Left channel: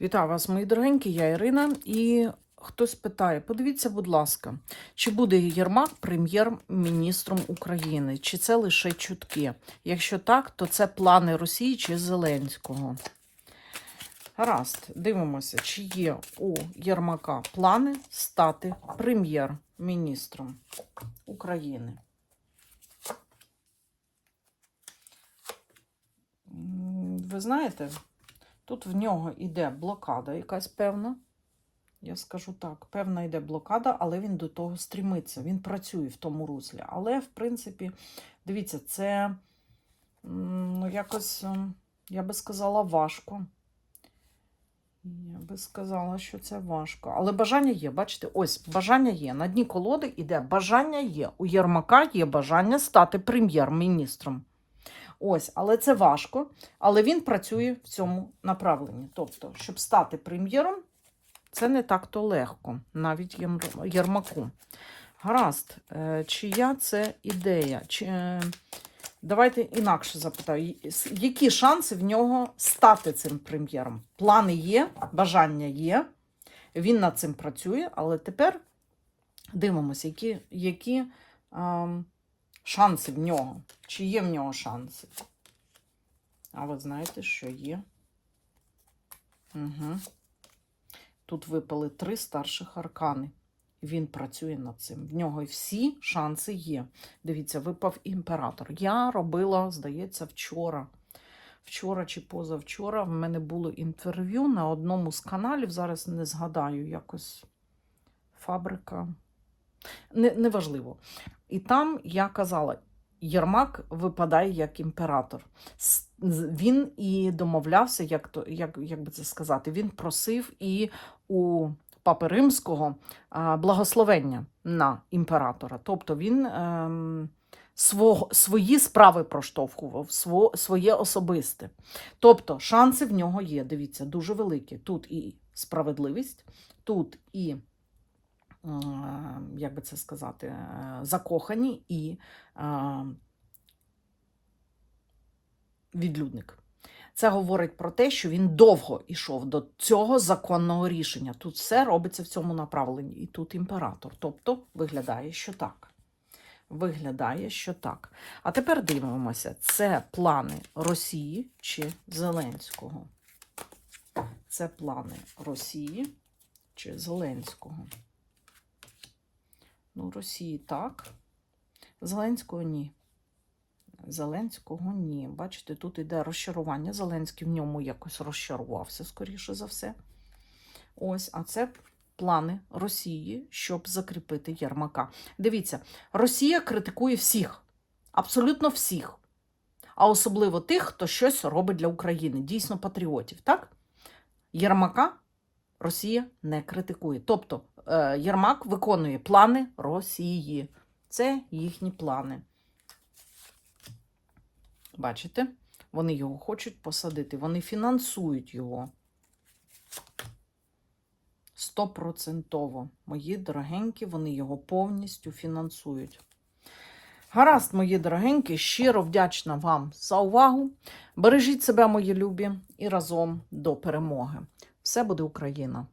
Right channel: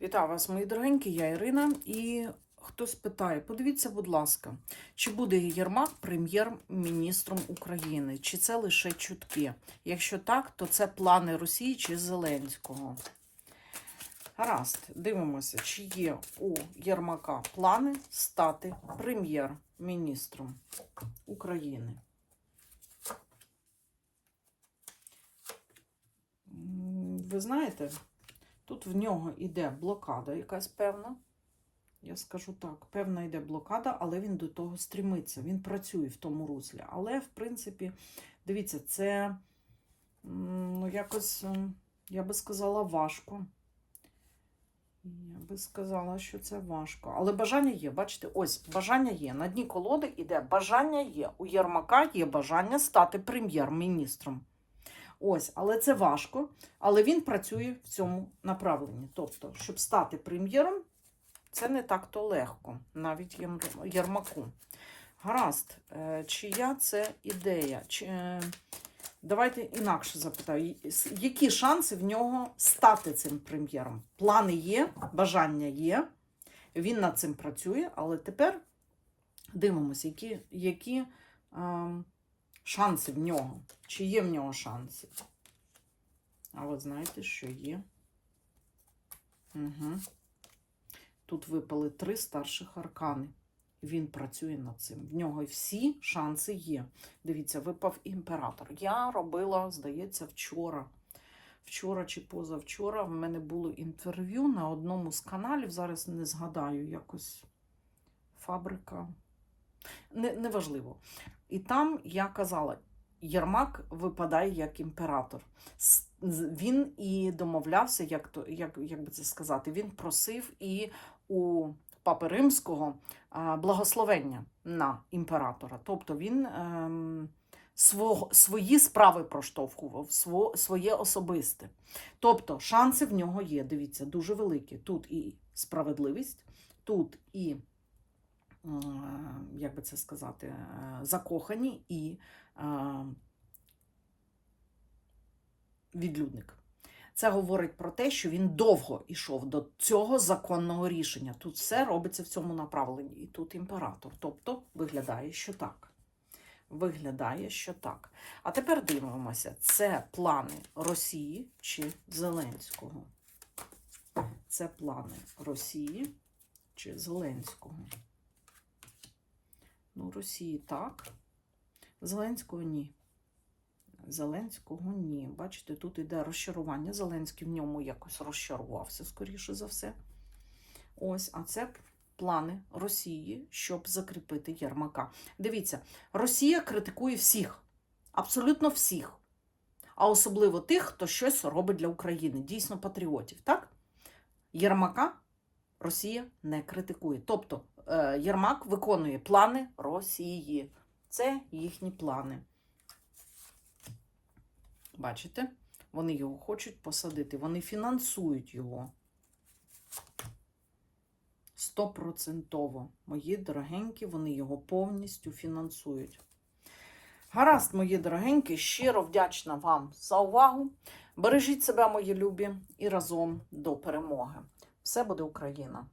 Вітаю вас, мої дорогенькі, я Ірина. І хтось питає: подивіться, будь ласка, чи буде Єрмак прем'єр-міністром України, чи це лише чутки? Якщо так, то це плани Росії чи Зеленського. Гаразд, дивимося, чи є у Єрмака плани стати прем'єр-міністром України. Ви знаєте, Тут в нього йде блокада якась певна. Я скажу так, певна йде блокада, але він до того стрімиться. Він працює в тому руслі. Але, в принципі, дивіться, це ну, якось, я би сказала, важко. Я би сказала, що це важко. Але бажання є. Бачите, ось бажання є. На дні колоди йде бажання є. У Єрмака є бажання стати прем'єр-міністром. Ось, але це важко. Але він працює в цьому направленні. Тобто, щоб стати прем'єром, це не так-то легко, навіть Єрмаку. Гаразд, е, чия це ідея? Чи, е, давайте інакше запитаю, які шанси в нього стати цим прем'єром? Плани є, бажання є, він над цим працює, але тепер дивимося, які, які шанси в нього. Чи є в нього шанси? А ви знаєте, що є? Угу. Тут випали три старших аркани. Він працює над цим. В нього всі шанси є. Дивіться, випав імператор. Я робила, здається, вчора. Вчора чи позавчора в мене було інтерв'ю на одному з каналів. Зараз не згадаю якось фабрика. Не, неважливо. І там я казала: Єрмак випадає як імператор. Він і домовлявся, як, то, як, як би це сказати, він просив і у Папи Римського благословення на імператора. Тобто він ем, свого, свої справи проштовхував, сво, своє особисте. Тобто шанси в нього є, дивіться, дуже великі. Тут і справедливість, тут і як би це сказати, е, закохані і е, відлюдник. Це говорить про те, що він довго йшов до цього законного рішення. Тут все робиться в цьому направленні. І тут імператор. Тобто виглядає, що так. Виглядає, що так. А тепер дивимося, це плани Росії чи Зеленського. Це плани Росії чи Зеленського. Ну, Росії так. Зеленського ні. Зеленського ні. Бачите, тут йде розчарування. Зеленський в ньому якось розчарувався, скоріше за все. Ось, а це плани Росії, щоб закріпити Єрмака. Дивіться, Росія критикує всіх, абсолютно всіх. А особливо тих, хто щось робить для України, дійсно патріотів, так? Єрмака Росія не критикує. Тобто Єрмак виконує плани Росії. Це їхні плани. Бачите? Вони його хочуть посадити, вони фінансують його. Стопроцентово. Мої дорогенькі, вони його повністю фінансують. Гаразд, мої дорогенькі, щиро вдячна вам за увагу. Бережіть себе, мої любі, і разом до перемоги. Все буде Україна!